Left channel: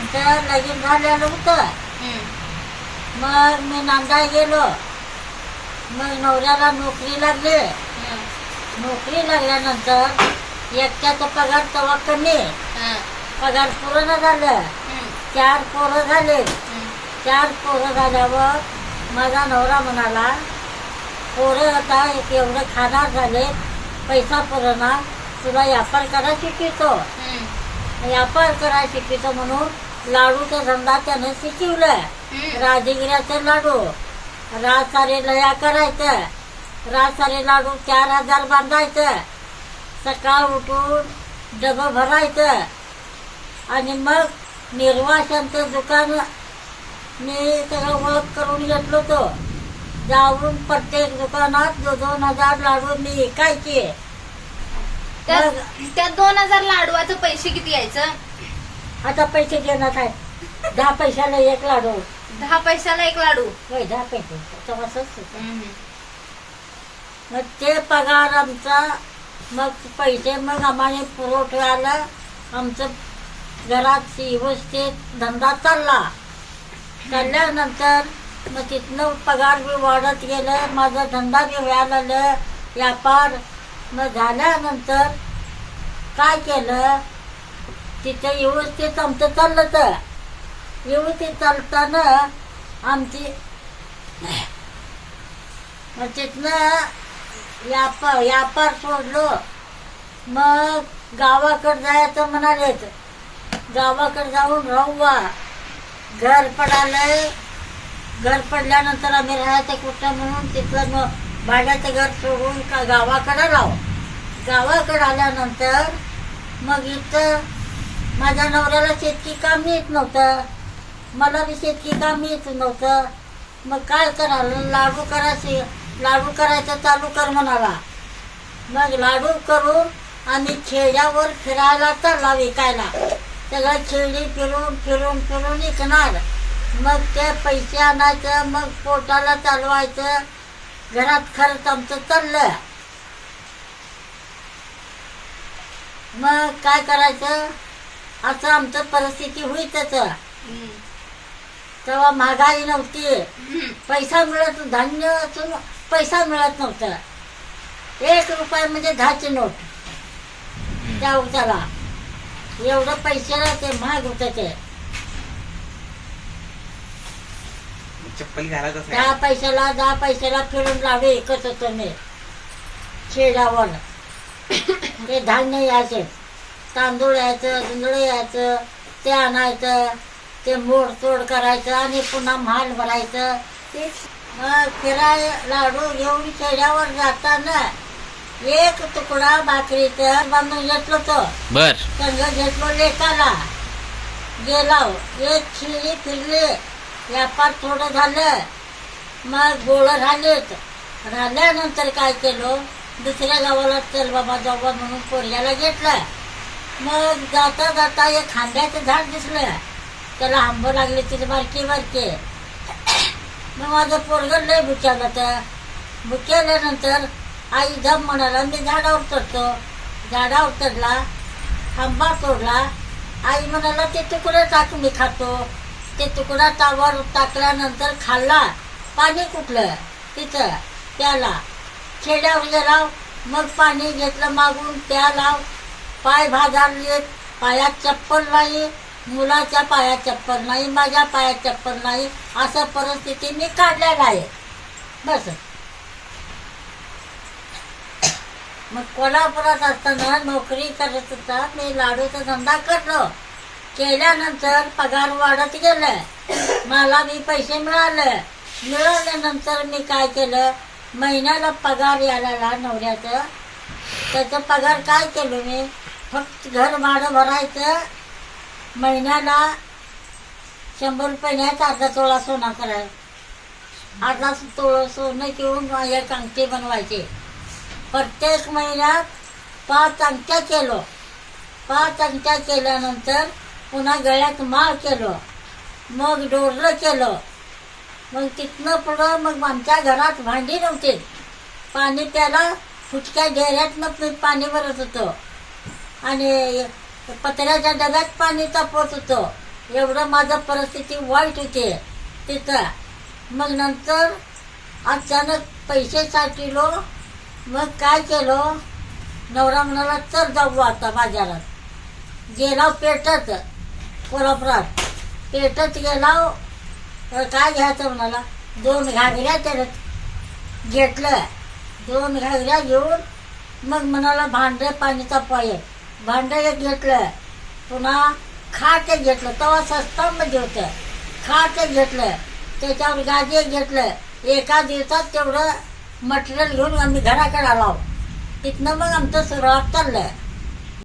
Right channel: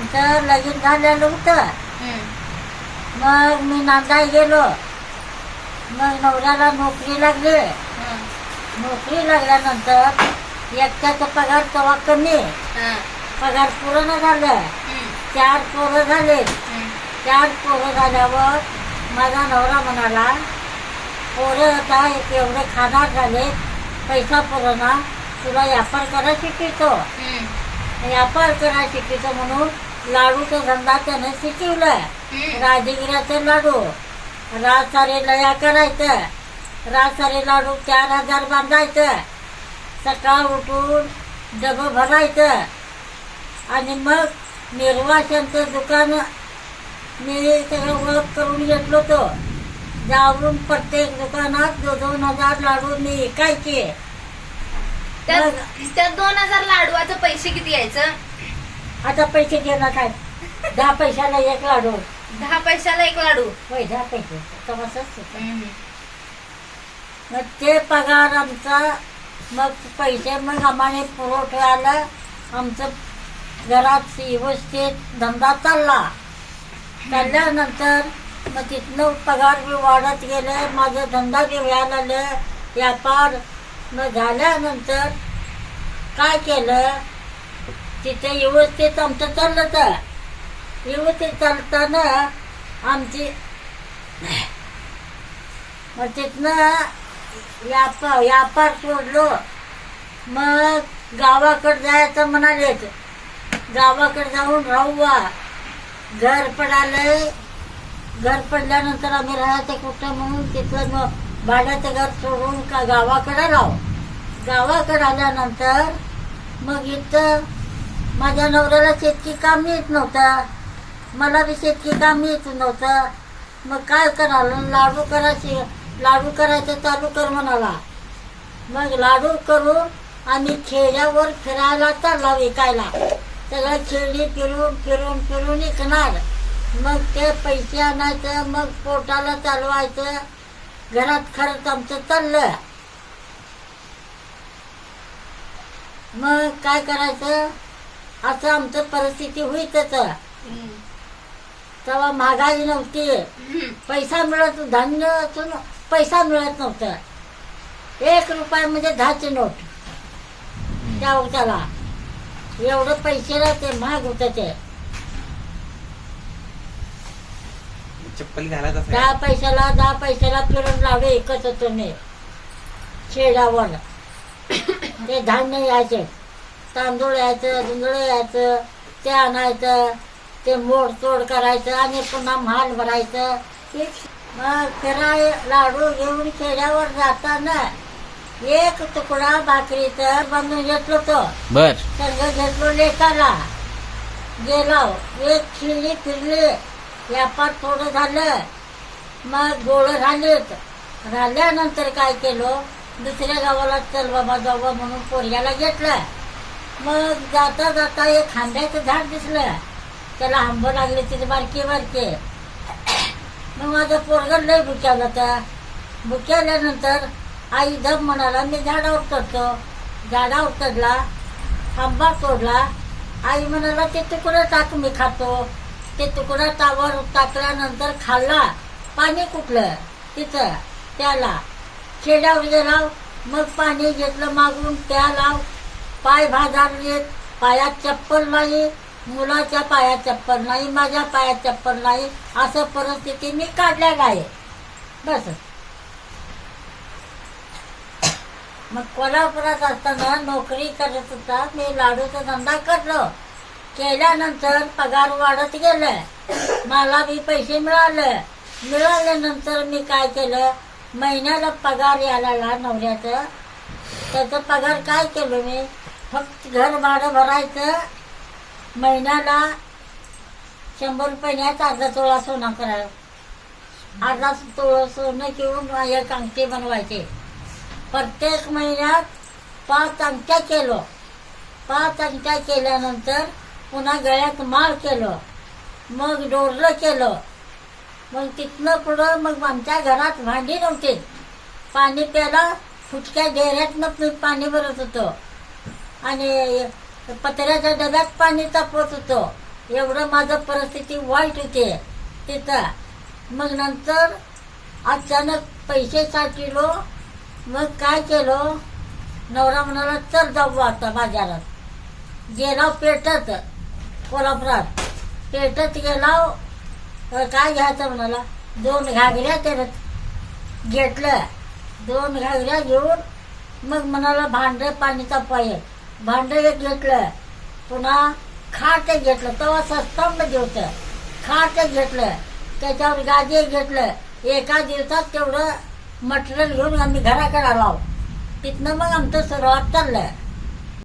आमचं लगीन झालेलं होतं. मग मी नांदाय गेलो मग नवऱ्याला नोकरी लागली. नोकरी लागल्यानंतर एकट्याचा पगार तेव्हा कमी. पगार पूर्ण झालं. चार पोरं झाले. चार पोरं झाल्यावर माझा नवरा म्हणाला पोरं आता एवढे खाणार झाले पैसा पुरवणार तुला व्यापार करा हम्म. व्यापार करा शिकवितो म्हणून लाडूचा धंदा त्यानं शिकवलं हम्म. राजगिराचे लाडू. रात सारे लया करायचं. रात सारे लाडू चार हजार बांधायचं. सकाळ उठून डबं भरायचं. आणि मग निर्वाशांचं दुकान मी त्याला ओळख करून घेतलो होतो. जाऊन प्रत्येक दुकानात दो दोन हजार लाडू मी विकायचे. त्यात दोन हजार लाडवाचं पैसे किती यायचं? आता पैसे देणार काय? दहा पैशाला एक लाडू. दहा पैशाला एक लाडू. होय दहा पैसे. होतं. हम्म. मग ते पगार आमचा मग पैसे मग आम्हाला पुरवठ्याला आमचं घरात व्यवस्थित धंदा चालला. चालल्यानंतर मग तिथनं पगार बी वाढत गेलं. माझा धंदा बी व्हायला लागलं. व्यापार मग झाल्यानंतर काय केलं? तिथे व्यवस्थित आमचं चाललं तर व्यवस्थित चालताना आमची मग तिथनं व्यापार व्यापार सोडलो. मग गावाकडे जायचं म्हणालेच गावाकडे जाऊन राहूवा घर पडालंय. घर पडल्यानंतर आम्ही राहायचं कुठं म्हणून तिथलं मग भाड्याचं घर सोडून का गावाकडे राहू. गावाकडे आल्यानंतर मग इथं माझ्या नवऱ्याला शेतकी काम येत नव्हतं. मला बी शेतकी काम येत नव्हतं. मग काय करायला लाडू करायचे लाडू करायचं चालू कर म्हणाला. मग लाडू करून आणि खेड्यावर फिरायला चालला विकायला. सगळं खेळी फिरून फिरून फिरून विकणार. मग ते पैसे आणायचं मग पोटाला चालवायचं. घरात खर्च आमचं चाललं. मग काय करायचं? असं आमचं परिस्थिती होईतच. हम्म. तेव्हा महागाई नव्हती. पैसा मिळत धान्य असून पैसा मिळत नव्हतं. एक रुपये म्हणजे दहाची नोट. त्या उताला एवढं पैशाला ते महाग होतं ते. चप्पल दहा पैशाला दहा पैशाला फिरून लावे एकच होतो मी खेड्यावर ते धान्य यायचे तांदूळ यायचं जुंदळ यायचं ते आणायचं ते मोड तोड करायचं आणि पुन्हा माल भरायचं. मग लाडू घेऊन खेड्यावर जाताना एक तुकडा भाकरीचं बांधून घेतलो तो बर. संघ घेतलो लेकाला. गेला एक खिल्ली फिरली. व्यापार थोडं झालं. मग गोळ राहिलेत. राहिल्यानंतर काय केलं? दुसऱ्या गावाला चल बाबा जाऊ म्हणून पोरग्याला घेतलं. मग जाता जाता एक खांद्याचं झाड दिसलं. त्याला आंब लागले तिथे बारके बारके. मग माझं पोरगं लय भुक्यालं तर भुक्याल्यानंतर आई धब म्हणाला मी झाडावर चढतो. झाडावर चढला आंबा तोडला. आई म्हणाला ते तुकडं टाक मी खातो? ते तुकडा तावर टाकल्यानंतर खाल्ला. पाणी कुठलं? तिथं. त्याला खेड्यावर गेला. मग पाणी घेतलं मागून त्याला पाय भाजारले पायात चप्पल नाही मुलाच्या पायात चप्पल नाही माझ्या पायात चप्पल नाही असं परिस्थिती मी काढल्या नाही. बस. मग कोल्हापुरात असताना नोकरी करत होता मी लाडूचा धंदा करलो. केल्यानंतर पगार वाढत गेलं. मला मी पैसे मिळाले. मिळाल्यानंतर मी काय केलं? महिन्याला पगार यायला नवऱ्याचं. त्याचा पगार काय केलं मी? फक्त घर भाडं भरायचं. महिन्याला शंभर रुपयाच अर्धा तोळा सोना करायला. अर्धा तोळा सोनं घेऊन एक अंगठी बनवायचे. प्रत्येक महिन्यात पाच अंगठ्या केलो. पाच अंगठ्या केल्यानंतर पुन्हा गळ्यात माळ केलो. मग डोरलं केलं. मग तिथनं पुढं मग आमच्या घरात भांडी नव्हती. पाणी प्याला फुटक्या डेऱ्यातनं पाणी भरत होतं. आणि पत्र्याच्या डब्यात पाणी तापवत होतो. एवढं माझं परिस्थिती वाईट होते तिथं. मग नंतर अचानक पैसे साठिलो. मग काय केलं? नवरा म्हणाला चल जाऊ आता बाजारात. गेला पेटत कोल्हापुरात. पेटत गेला. तर काय घ्यायचं? म्हणाला. दोन घागऱ्या त्यानं घेतलं दोन घागऱ्या घेऊन मग म्हणाला भांडे पाणी पाय भांड एक घेतलं पुन्हा खाट एक घेतलं. तेव्हा स्वस्तामध्ये होतं खाट एक घेतलं त्याच्यावर गाजे एक घेतलं एका दिवसात तेवढं मटेरियल घेऊन आम्ही घराकडे आलो तिथनं मग आमचं सुरुवात चाललं